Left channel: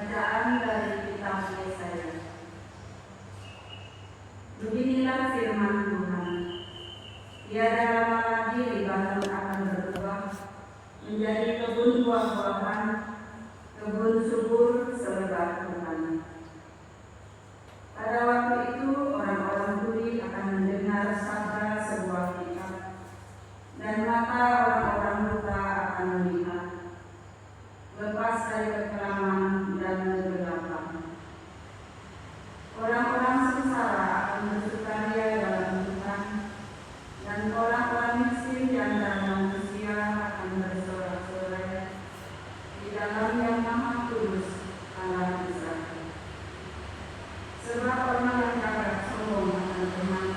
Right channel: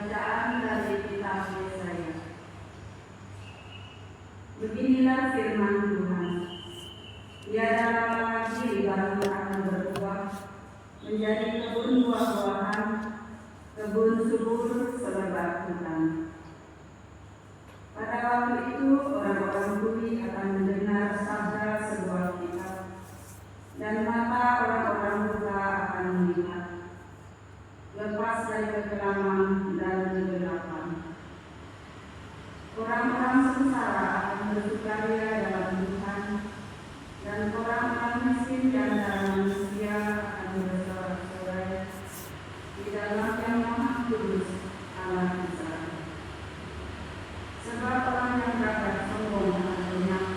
Bacaan dari kitab Yesaya. Beginilah firman Tuhan. Tiada lama lagi Libanon akan berubah menjadi kebun buah-buahan, kebun subur selebar hutan. Pada waktu itu orang-orang budi akan mendengar sabda sebuah kitab, dan mata orang-orang buta akan melihat. Lepas dari kekelaman dan kegelapan, orang-orang sengsara akan bersukaria dalam Tuhan, dan orang-orang miskin di antara manusia akan bersorak-sorai di dalam Yang Maha Kudus Allah Israel. Sebab orang yang gagah sombong akan menang,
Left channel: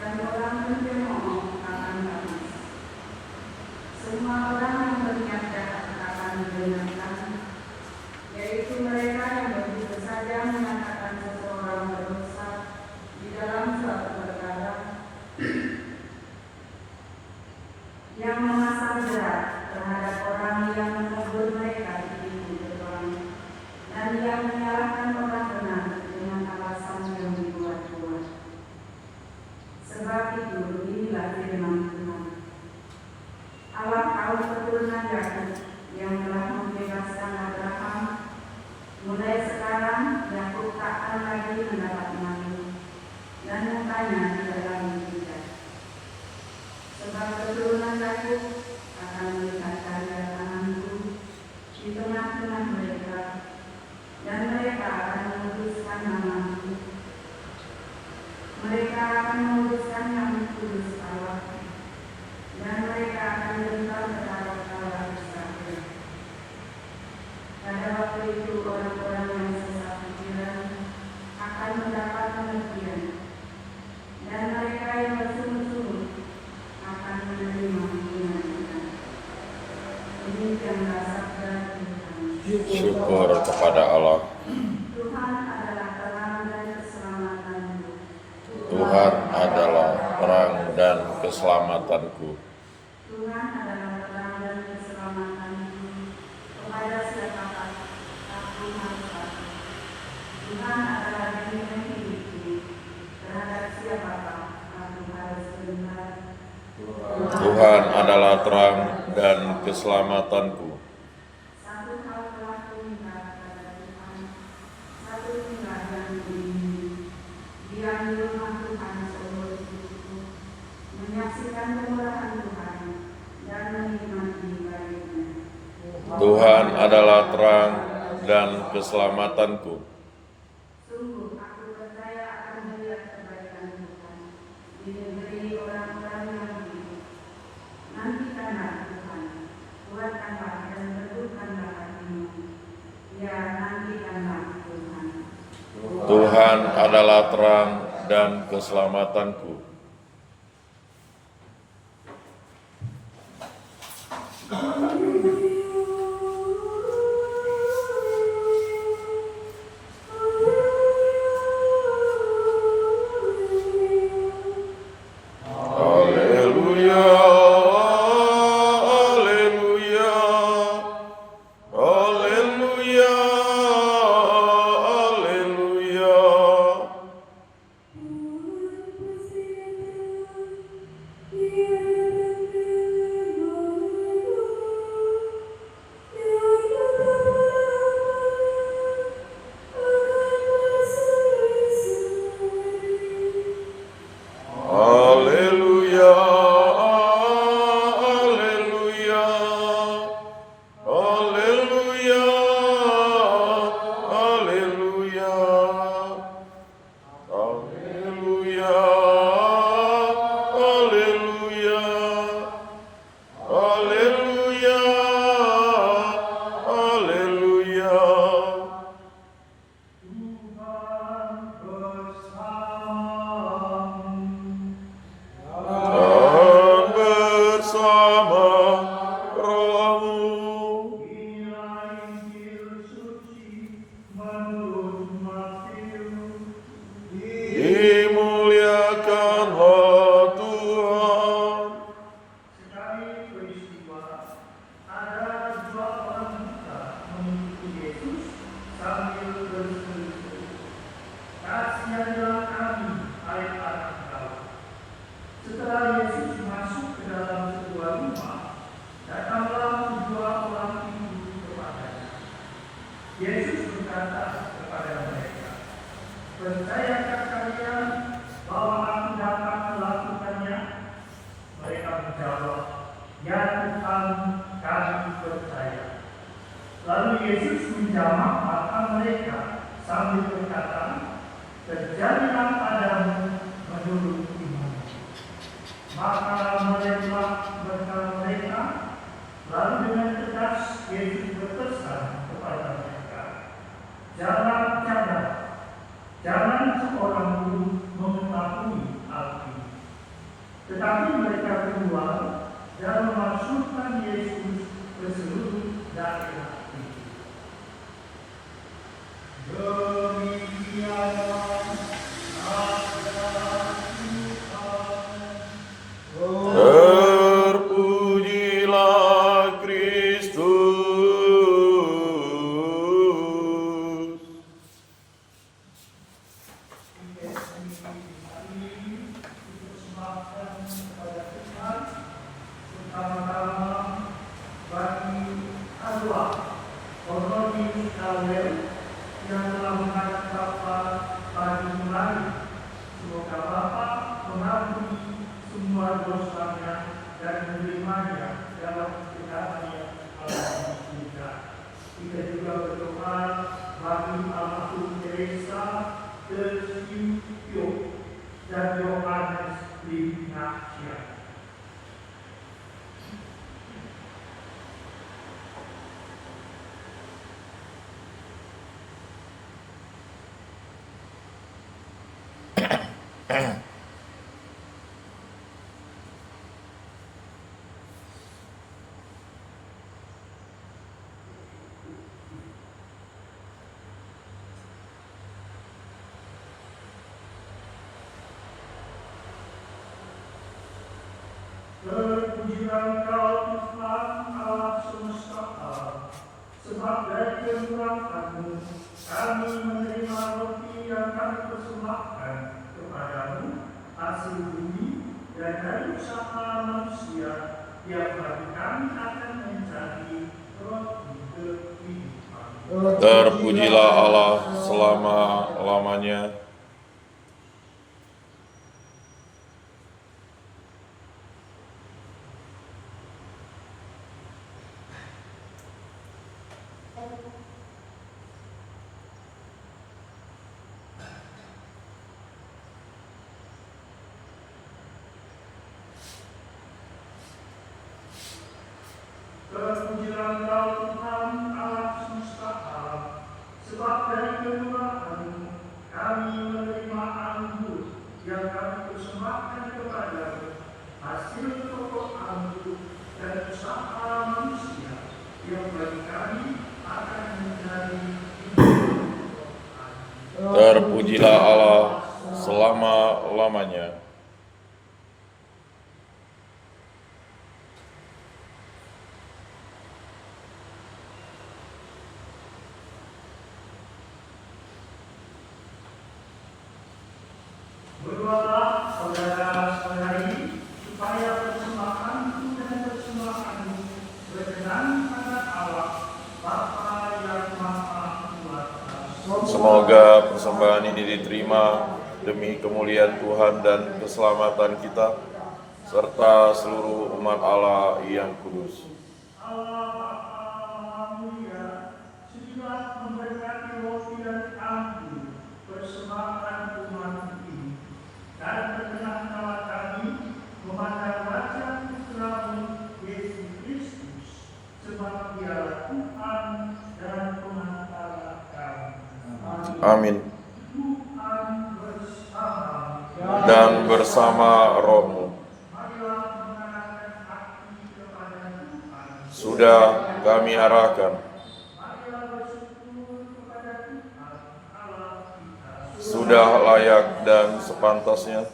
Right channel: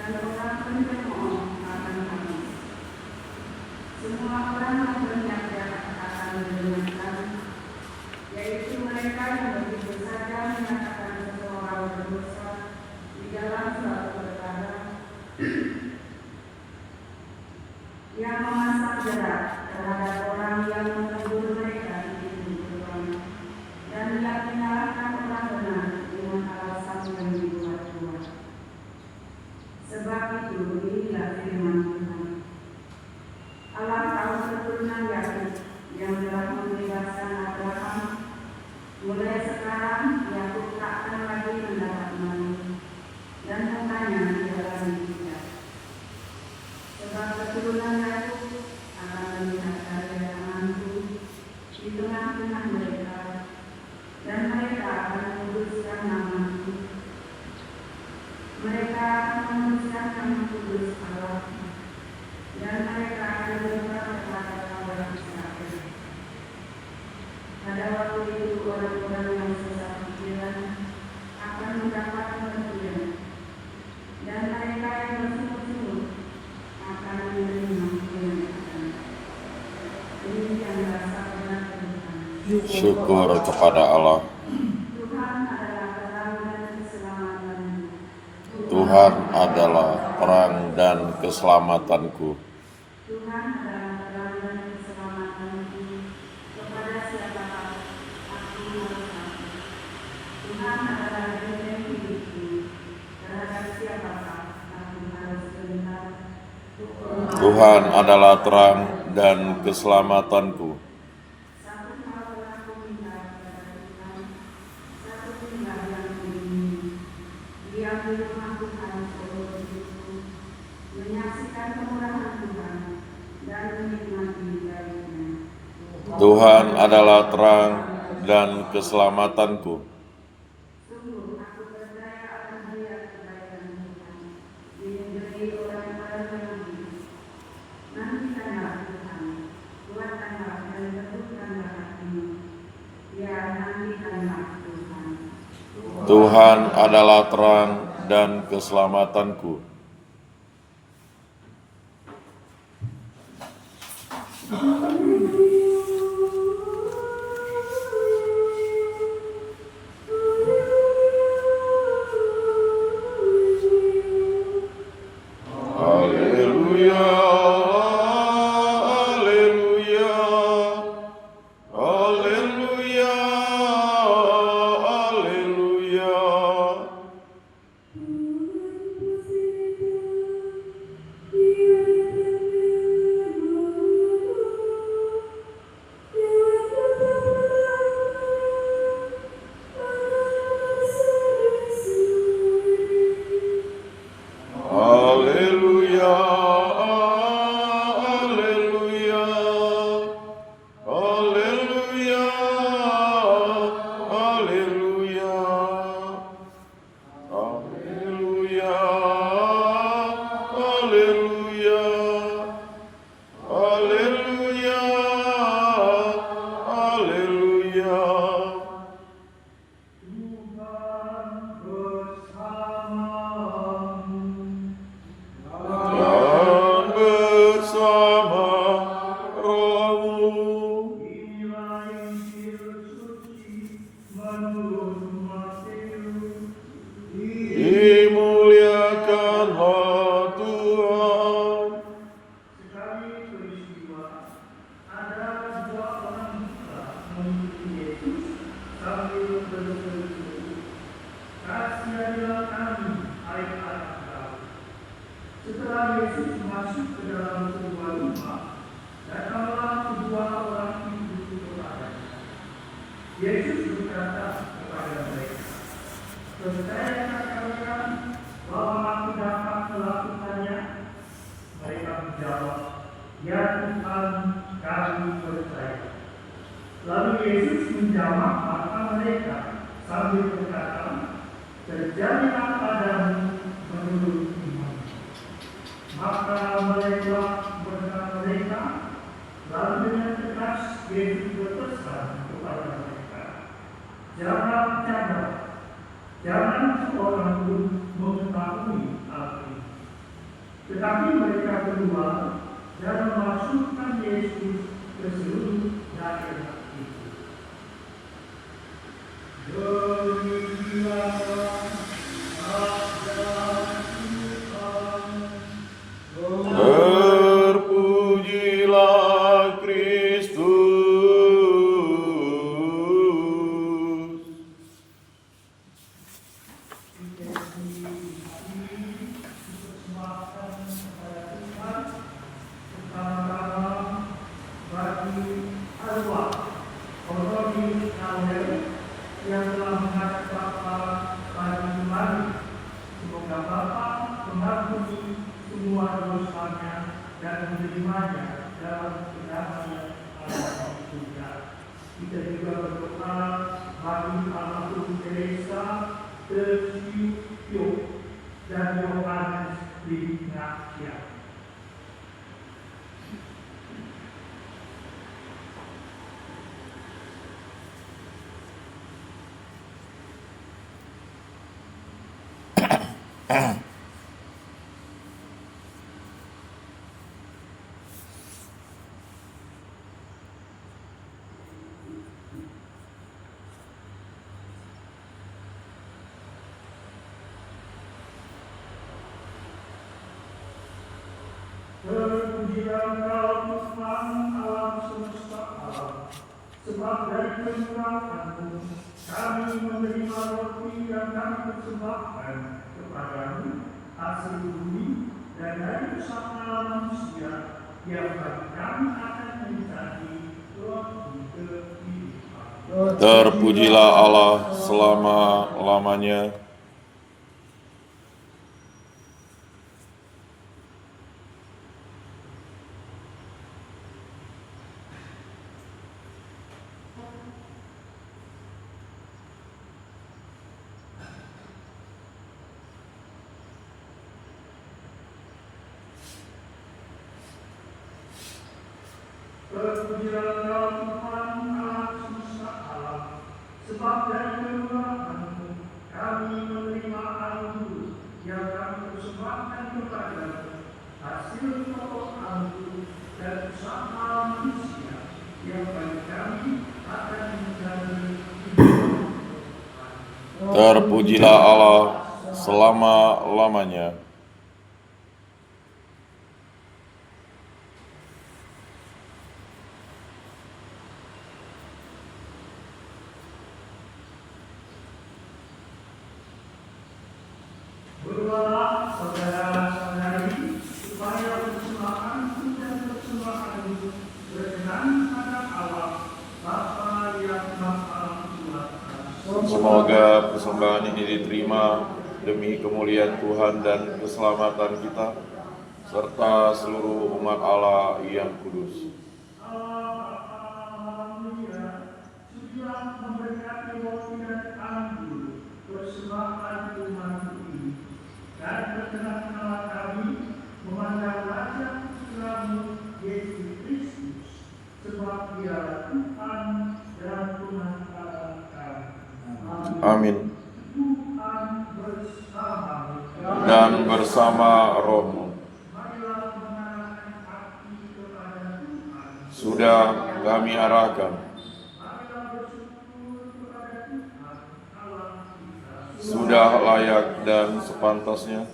dan orang pencemooh akan habis. Semua orang yang berniat jahat akan didengarkan, yaitu mereka yang begitu saja menyatakan seseorang berdosa di dalam suatu perkara, yang memasang jerat terhadap orang yang menegur mereka di pintu gerbang, dan yang menyalahkan orang benar dengan alasan yang dibuat-buat. Sebab itu beginilah firman Tuhan, Allah kaum keturunan Yakub yang telah membebaskan Abraham. Mulai sekarang Yakub takkan lagi mendapat malu, dan mukanya tidak lagi hijau. Sebab keturunan Yakub akan melihat karya tanganku di tengah-tengah mereka, dan mereka akan menguduskan namaku. Mereka akan menguduskan nama kudus Allah, dan mereka akan dengar kata-kata Israel. Pada waktu itu orang-orang yang sesat pikiran akan mendapat pengertian, dan mereka yang bersungguh-sungguh akan menerima kebenaran. Demikianlah sabda Tuhan. Syukur kepada Allah. Tuhan adalah terang dan keselamatanku. Tuhan adalah terang dan keselamatanku. Tuhan adalah terang dan keselamatanku. Kepada siapakah aku harus takut? Tuhan adalah benteng hidupku. Terhadap siapakah aku harus benar? Tuhan adalah terang dan keselamatanku. Satu hal telah kuminta kepada Tuhan, satu tinggal yang kuingini, diam di rumah Tuhan seumur hidupku, menyaksikan kemurahan Tuhan dan menikmati baiknya. Tuhan adalah terang dan keselamatanku. Sungguh aku percaya akan melihat kebaikan Tuhan di negeri orang-orang Yahudi. Nantikanlah Tuhan, kuatkanlah dan teguhkanlah hatimu. Ya, nantikanlah Tuhan. Tuhan adalah terang dan keselamatanku. Haleluya, haleluya, haleluya, haleluya. Yesus berkata kepada mereka, "Percayakah kalian bahwa aku dapat melakukannya?" Mereka menjawab, "Ya Tuhan, kami percaya." Lalu Yesus menjamah mata mereka sambil berkata, "Terjadilah padamu menurut iman." Maka mereka bersama mereka. Lalu dengan tegas Yesus berpesan kepada mereka, Jangan seorang pun mengetahui hal ini." Tetapi mereka keluar dan memasukkan Yesus ke seluruh daerah itu. Demikianlah sabda Tuhan. Terpujilah Kristus. Yang telah mengangkat Bapa bagi kembali. Semoga Bapa mengampuni semua dosanya dan menerimanya dalam kedamaian Allah juga. Kita juga berdoa bagi almarhum Teresa Tersiupyo dan Yohanes Lignacia. Terpujilah Engkau Tuhan alam semesta alam, sebab dari kemurahan-Mu kami menerima roti yang kami persembahkan kepadamu, hasil bumi dan dari usaha manusia yang bagi kami akan menjadi roti kehidupan. Terpujilah Allah selama-lamanya. Terpujilah Engkau Tuhan alam semesta alam, sebab dari kemurahan-Mu kami menerima anggur yang kami persembahkan kepadamu, hasil pokok anggur dan usaha manusia yang bagi kami akan menjadi hidup. Terpujilah Allah selama-lamanya. Berdoalah saudara-saudari supaya persembahanku dan persembahanmu berkenan pada Allah Bapa yang Maha Kuasa. Semoga persembahan ini diterima demi kemuliaan Tuhan dan keselamatan kita, serta seluruh umat Allah yang kudus. Alhamdulillah, sudah memberkati roti dan anggur persembahan umat ini, dan berkenan-kenan kami memandang wajah Putramu Yesus Kristus, sebab Dia Tuhan dan pengantara kami. Amin. Tuhan bersama Dan bersama rohmu. marilah mengarahkan hati kepada Tuhan. Sudah kami arahkan. Marilah bersyukur kepada Tuhan Allah kita. Sudah layak dan sepantasnya.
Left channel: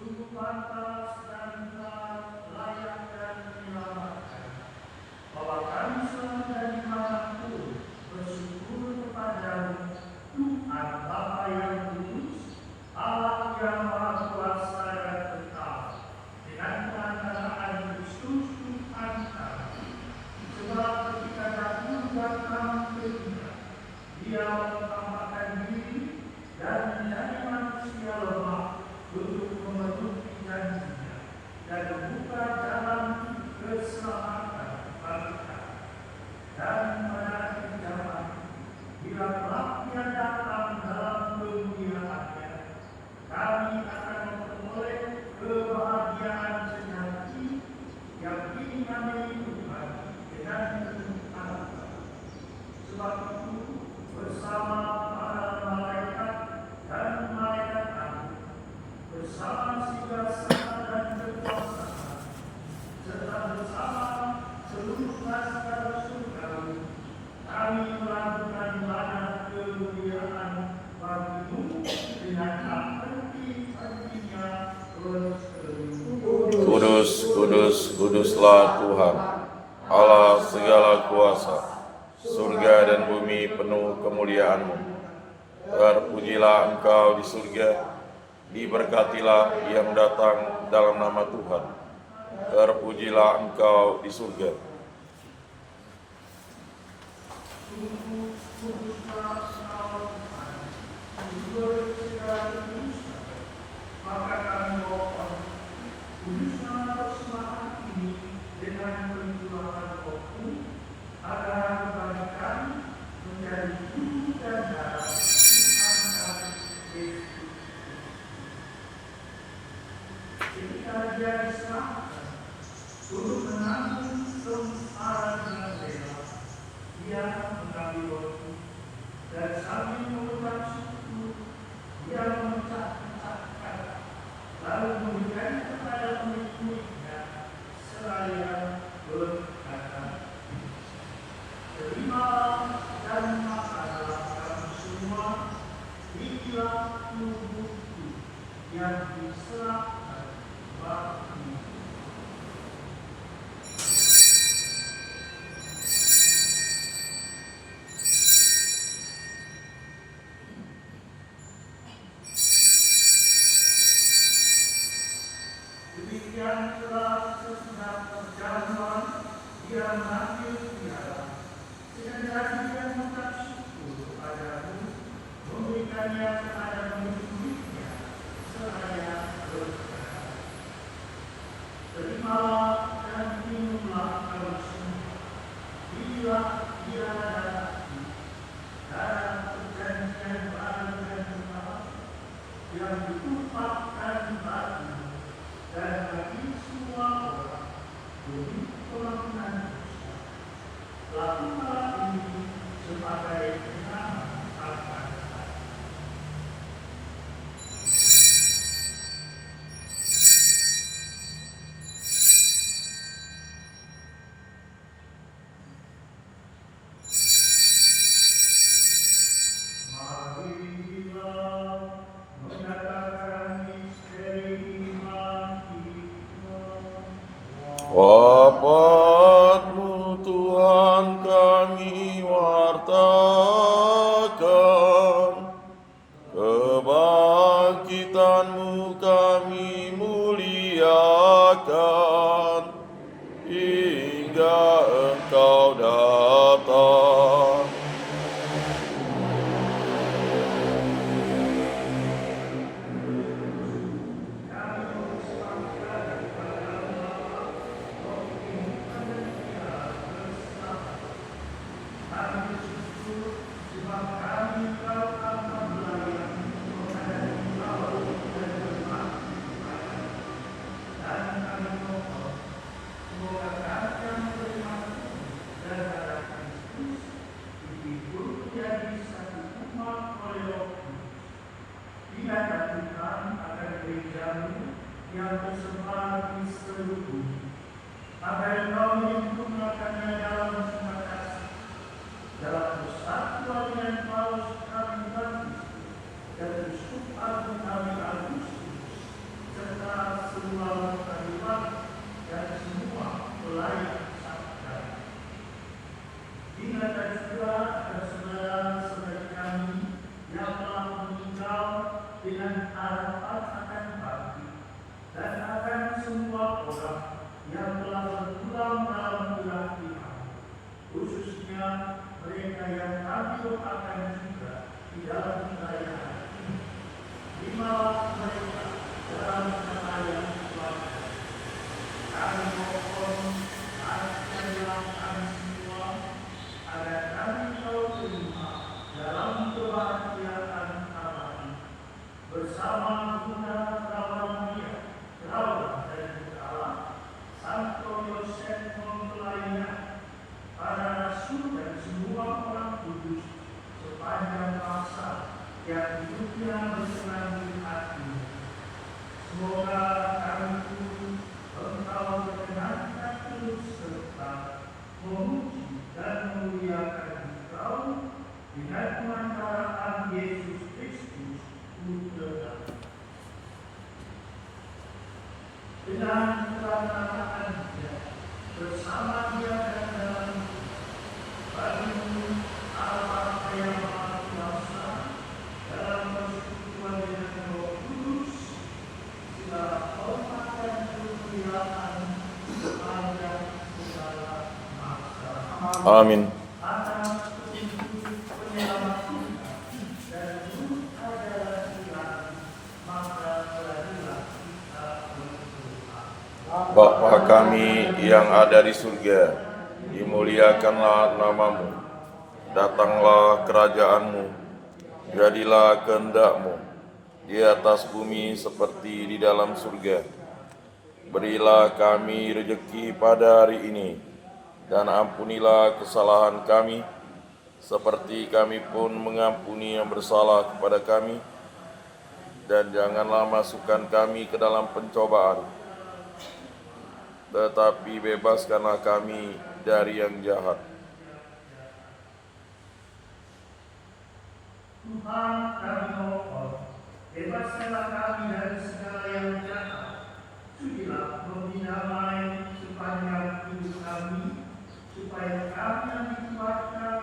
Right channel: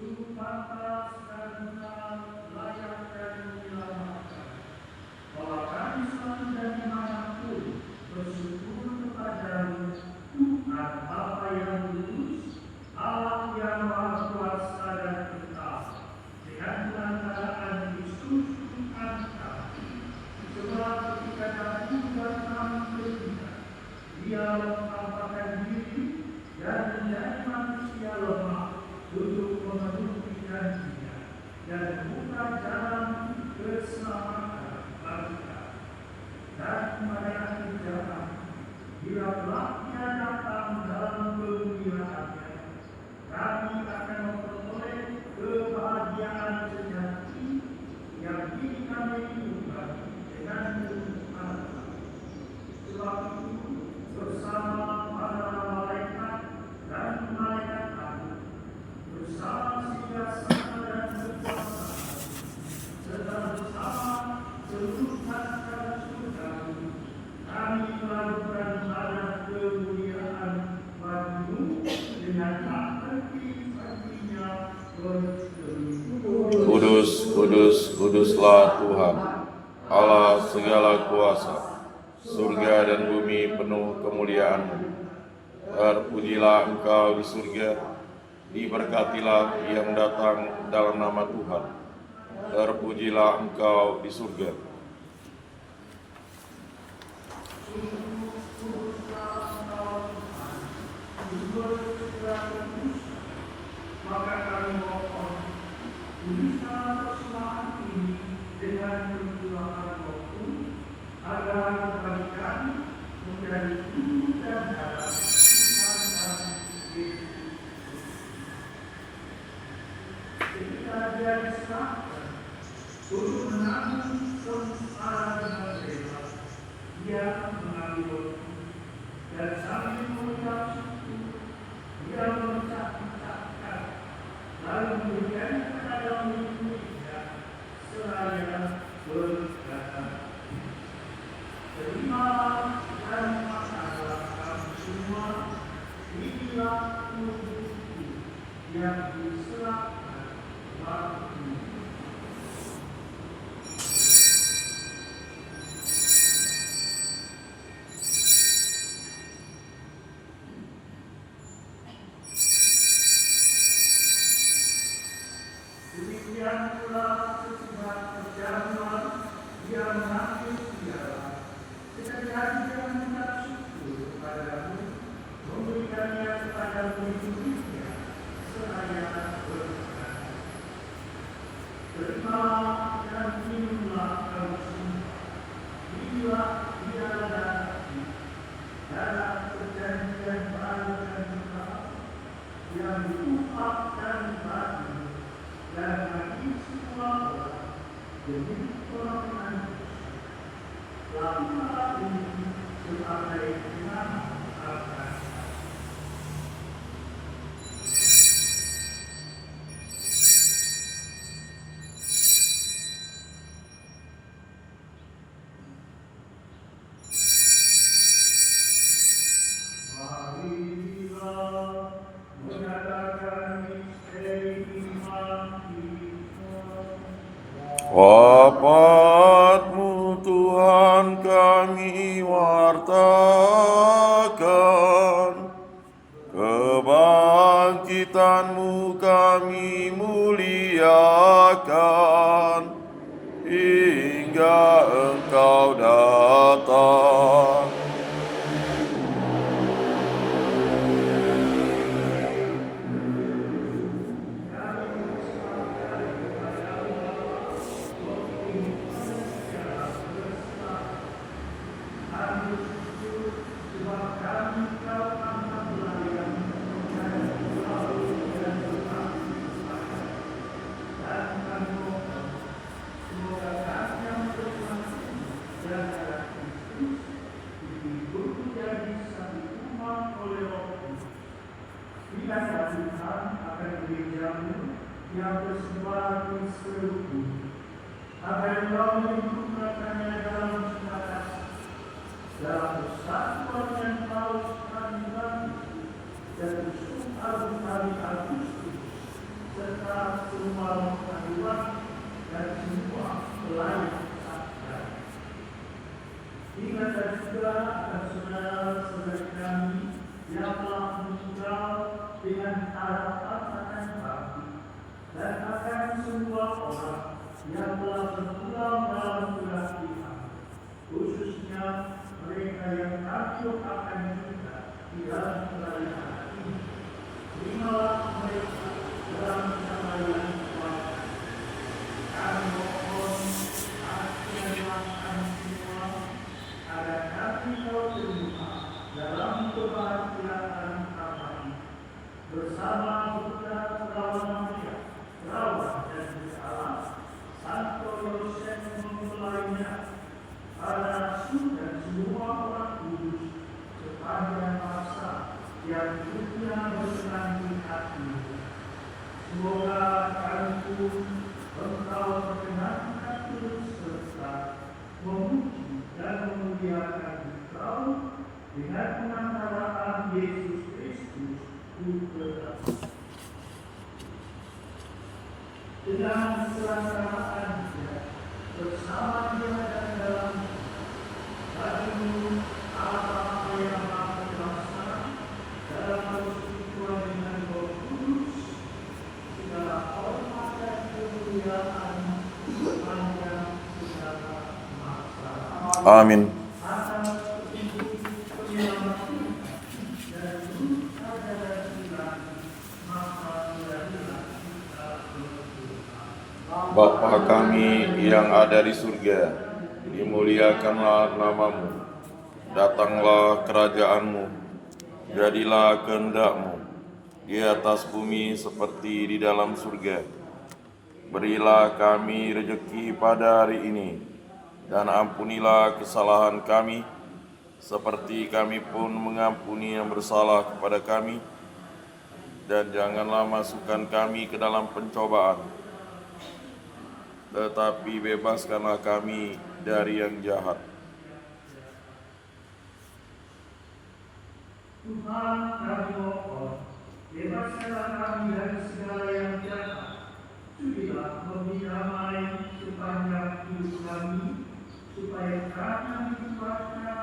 Sungguh pantas dan benar, layak dan menyelamatkan, bahwa kami selalu dan dimanapun bersyukur kepadamu, Tuhan Bapa yang kudus, Allah yang Maha Kuasa dan tetap, dengan perantaraan Kristus Tuhan kami. Sebab ketika dahulu dan kami teringat, Kuduslah Tuhan, Allah segala kuasa, surga dan bumi penuh kemuliaan-Mu. Terpujilah Engkau di surga, diberkatilah yang datang dalam nama Tuhan. Terpujilah Engkau di surga. Maka kami mohon, kuduslah persembahan ini dengan perjuangan waktu, agar bagi kami menjadi tubuh dan darah Tuhan kami Yesus. Sehingga Dia diserahkan untuk menanggung sengsara dengan rela. Dia mengambil roti dan sambil mengucap syukur, Dia memecah-mecahkan, lalu memberikan kepada murid-muridnya seraya berkata, "Terimalah dan makanlah kamu semua, inilah tubuhku yang diserahkan bagimu." Demikian telah sesudah perjamuan, Dia mengambil piala. Seketika Dia mengucap syukur kepadamu, memberikannya kepada murid-muridnya, seraya berkata, "Terimalah dan minumlah kamu semua, inilah piala darahku, darah perjanjian baru dan kekal, yang ditumpahkan bagimu dan bagi semua orang demi pengampunan dosa. Lakukanlah ini sebagai pengingat akan aku." Marilah menyatakan misteri iman kita. Wafat-Mu Tuhan kami wartakan, kebangkitan-Mu kami muliakan, hingga Engkau datang. Yang tersebar di seluruh bumi, agar Engkau menyempurnakannya dalam semua kasih, dalam persatuan dengan Paulus kami Baptis dan Yusuf Agung kami Agustus, serta semua pengadilan dan semua pelayan sakral. Ingatlah juga akan saudara-saudari kami yang telah meninggal dengan harapan akan bangkit, dan akan semua orang yang telah berpulang dalam kelahiran, khususnya mereka yang kami doakan juga di dalam perayaan ini. Terimalah mereka dalam perayaan Tuhan. Kami mohon ajarlah kami semua agar kami tahu terima dalam kebahagiaan abadi bersama Bunda Perawan Maria, Perawan dan Allah, Santo Yosef mempelainya, para rasul dan semua orang kudus sepanjang masa yang hidupnya berselanjut hati. Semoga kami pun Engkau perkenankan terus serta memuji dan memuliakan Engkau dengan pengantaraan Yesus Kristus Putra. Dengan keselamatan bersama Dia dan dalam bagimu Allah Bapa yang Maha Kuasa dalam persekutuan dengan Roh Kudus, segala hormat dan kemuliaan sepanjang segala masa. Amin. Atas petunjuk penyelamat dan luka darah Tuhan, maka berilah kita berdoa. Bapa kami yang ada di surga, dimuliakanlah namamu, datanglah kerajaanmu, jadilah kehendak-mu di atas bumi seperti di dalam surga. Berilah kami rejeki pada hari ini, dan ampunilah kesalahan kami, seperti kami pun mengampuni yang bersalah kepada kami. Dan janganlah masukkan kami ke dalam pencobaan, tetapi bebaskanlah kami dari yang jahat. Tuhan kami mohon, bebaskanlah kami dari segala yang jahat. Sudilah memberi damai sepanjang hidup kami, supaya kami dikuatkan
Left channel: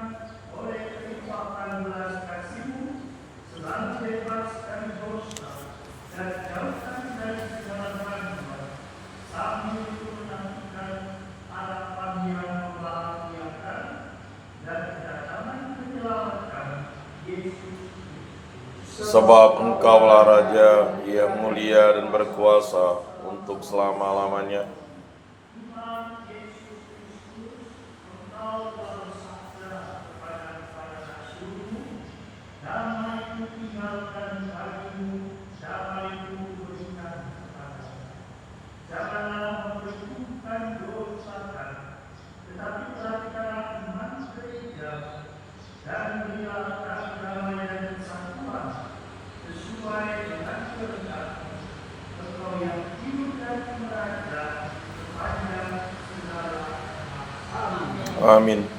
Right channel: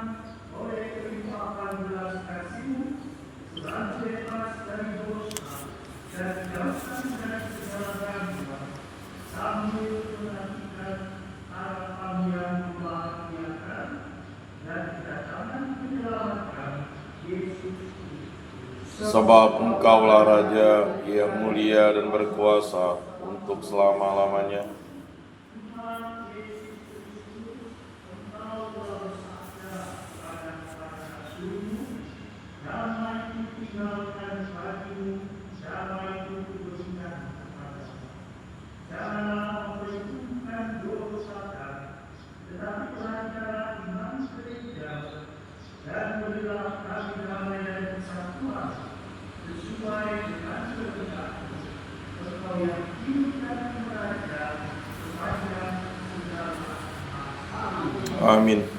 oleh kelimpahan belas kasih-Mu, selalu bebas dari dosa dan jauhkan dari segala gangguan, sambil menantikan harapan yang membahagiakan dan kedatangan penyelamat kami, Yesus. Sebab Engkaulah Raja yang mulia dan berkuasa untuk selama-lamanya. Tuhan Yesus Kristus, Engkau telah bersabda kepada Rasul-Mu, damai-Ku tinggalkan bagimu, damai-Ku berikan kepadamu. Janganlah memperhitungkan dosa kami, tetapi pelajarilah iman gereja-Mu, dan berilah kami damai dan kesatuan sesuai dengan kehendak-Mu. Engkau yang hidup dan merajai sepanjang segala masa. Amin.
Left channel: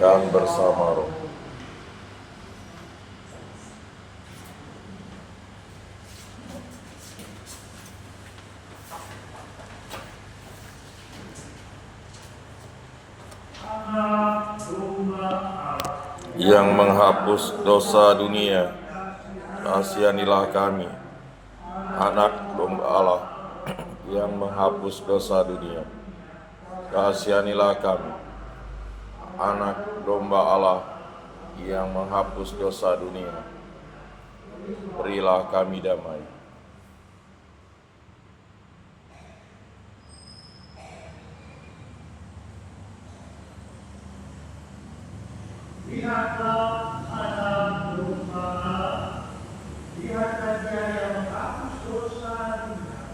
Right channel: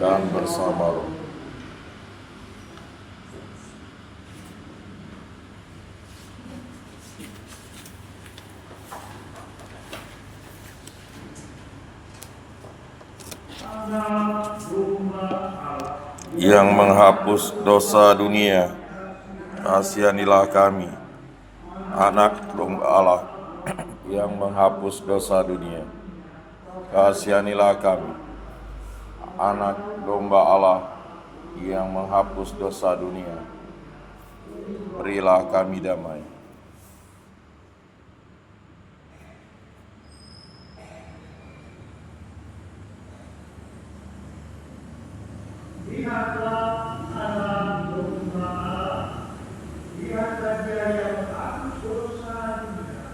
Dan bersama roh. Anak domba Allah, Yang menghapus dosa dunia, kasihanilah kami. Anak domba Allah yang menghapus dosa dunia, kasihanilah kami. Anak domba Allah yang menghapus dosa dunia, berilah kami damai. lihatlah anak domba Allah, lihat Raja yang menghapus dosa dunia.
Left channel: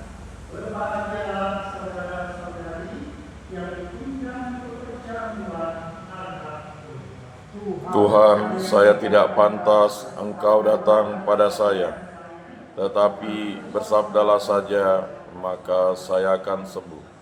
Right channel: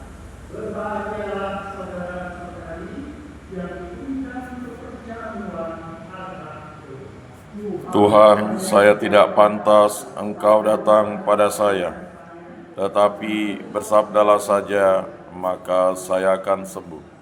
Berbahagialah saudara-saudari yang diundang untuk perjamuan anak domba. Tuhan, saya tidak pantas Engkau datang pada saya, tetapi bersabdalah saja, maka saya akan sembuh.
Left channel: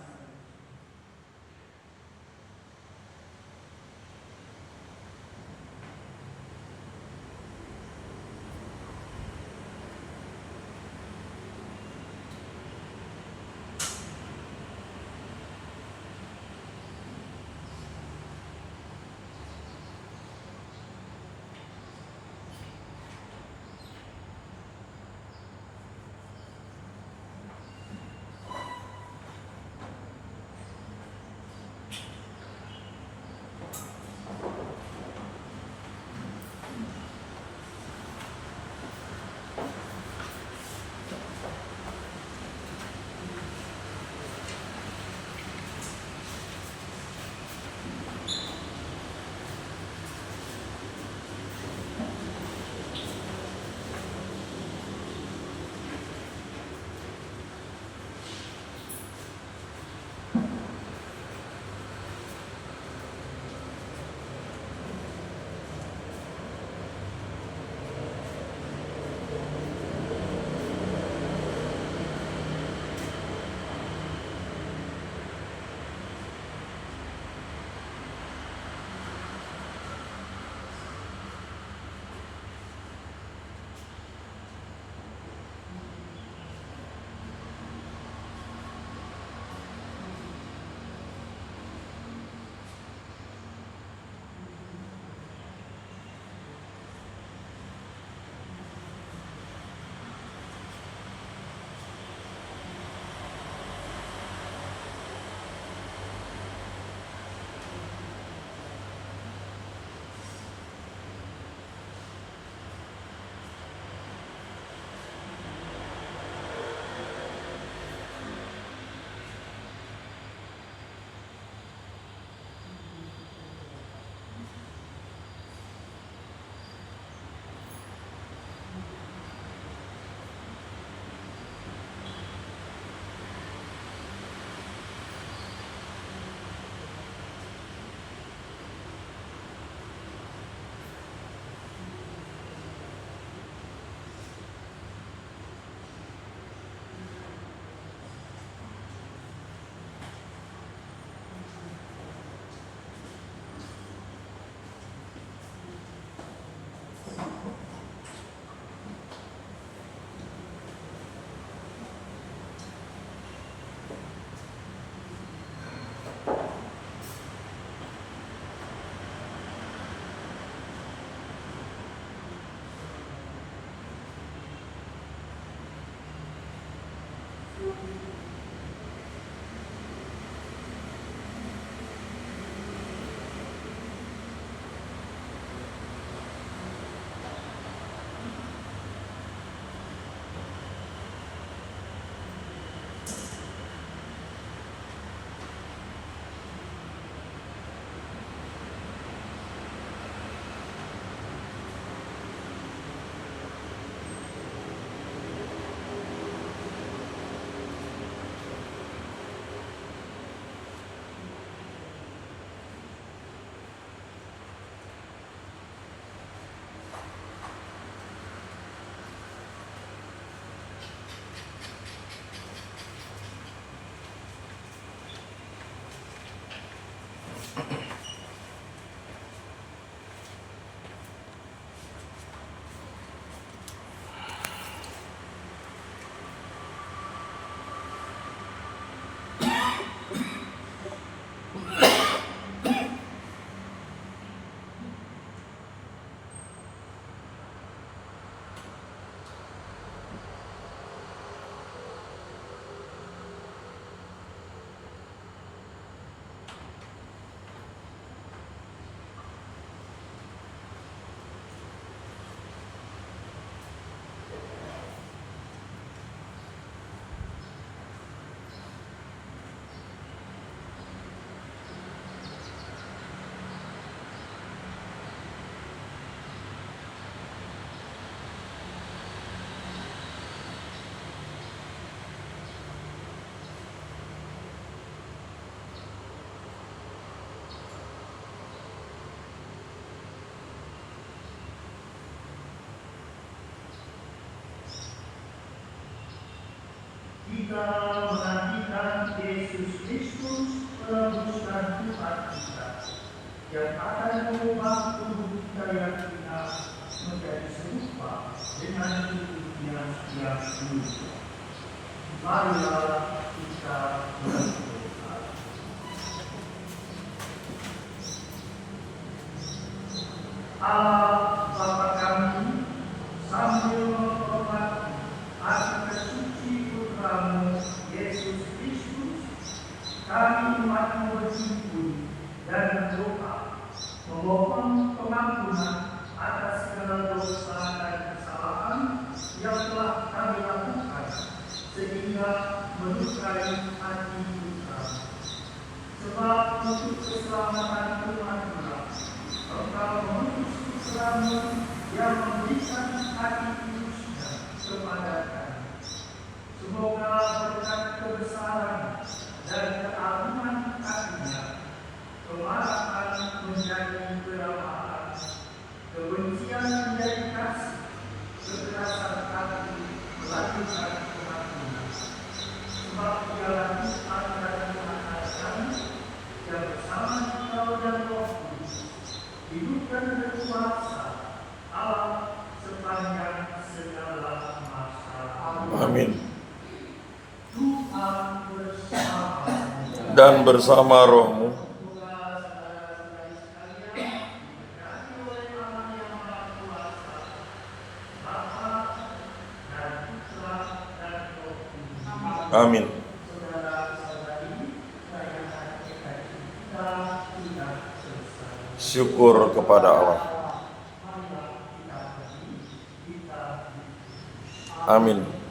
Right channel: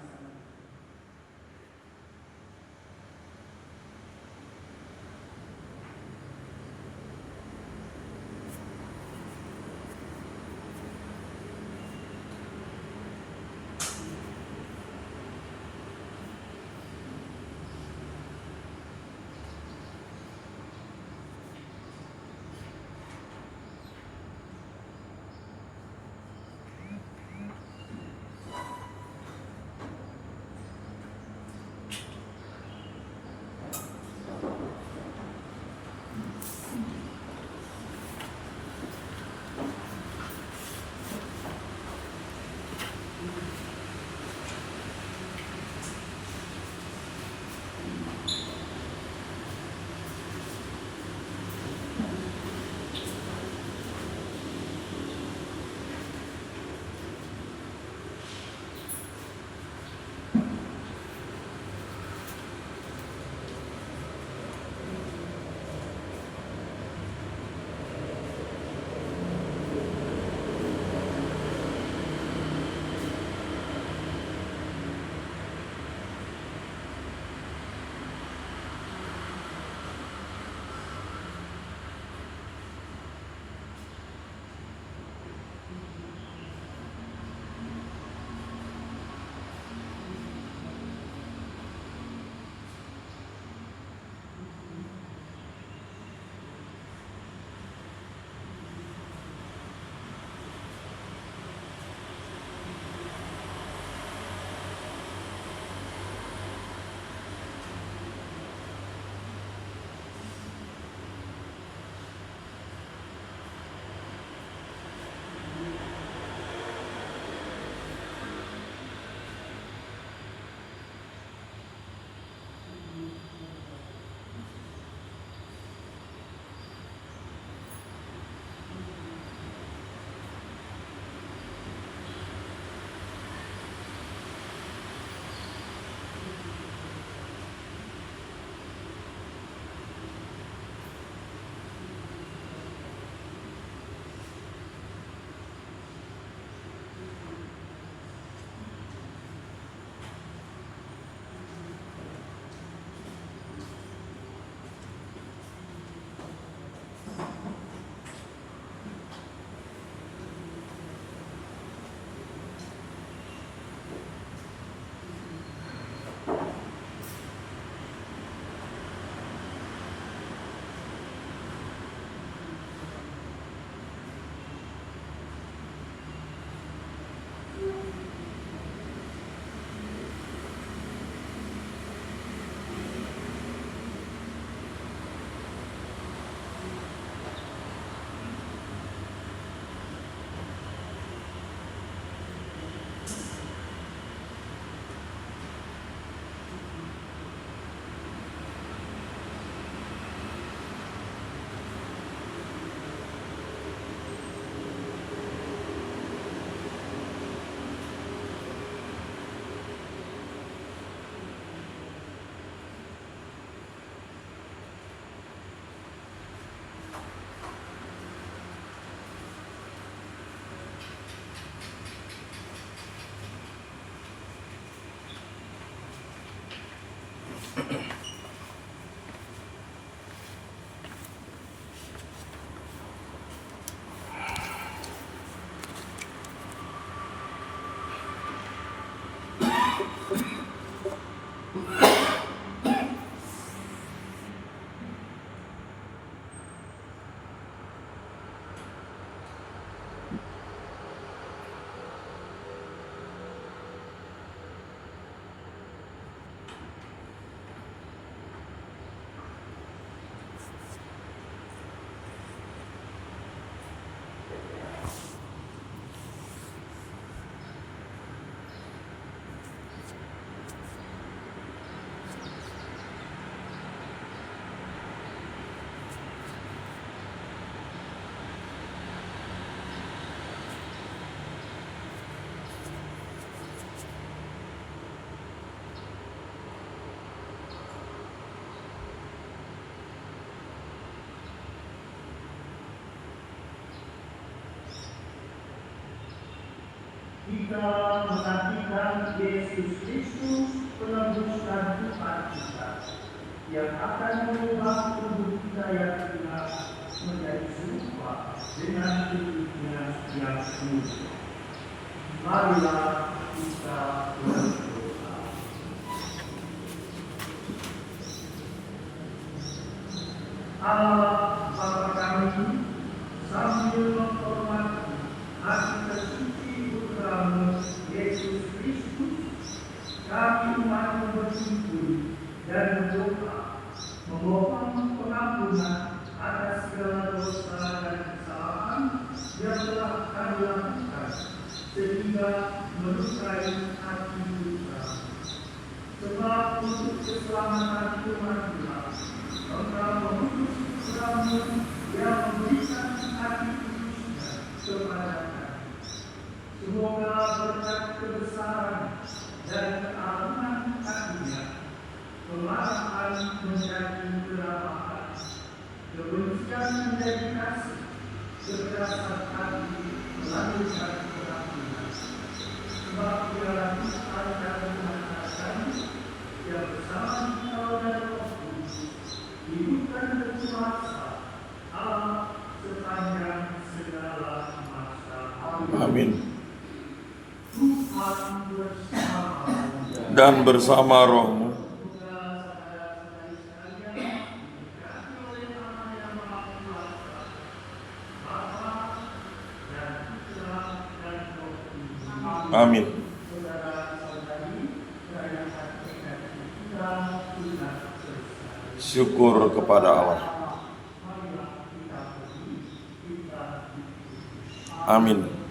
Kita menantikan Yesus Kristus penebus dan Tuhan kita yang akan mengubah tubuh kita yang hina menjadi serupa dengan tubuhnya yang mulia. Marilah kita berdoa. Allah Bapa kami, sambil menghormati hati tersuci Putramu Yesus Kristus, kami umat bersyukur dan berdoa memohon pengampunan atas segala dosa dan kesalahan yang telah kami lakukan sehingga melukai hati Putra. Sebab untuk keselamatan umat kita, Engkau mengutus Putramu yang memberikan hati kudusnya kepada kami. Semoga berkat kebesaran dan keagungan hatinya, kemarahan menjadi keramahan, kebencian menjadi kasih, keberatan hati melanjutkan keagungan. Sebab dialah Tuhan dan Tuhan kami yang bersama Engkau dan Roh Kudus, hidup dan berkuasa Allah sepanjang segala masa. Amin. Tuhan bersama Dan bersama rohmu. Amin. Syukur kepada Allah. Amin.